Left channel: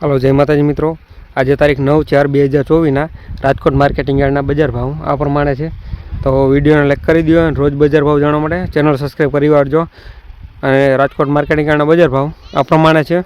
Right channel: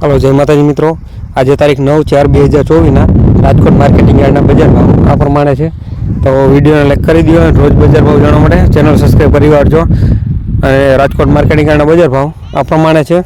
Hello, જય માતાજી મિત્રો. આજે તારીખ નવ ચાર બે હજાર ચોવીસના રાજકોટ માર્કેટિંગ યાર્ડના બજાર ભાવ આ પ્રમાણે છે. તો વિડીયોને લાઈક કરી દો અને રોજ બજાર ભાવ જાણવા માટે ચેનલ સબસ્ક્રાઈબ કરી વાળજો. અને રાજકોટ માર્કેટિંગ યાર્ડના બજાર ભાવ આ પ્રમાણે છે.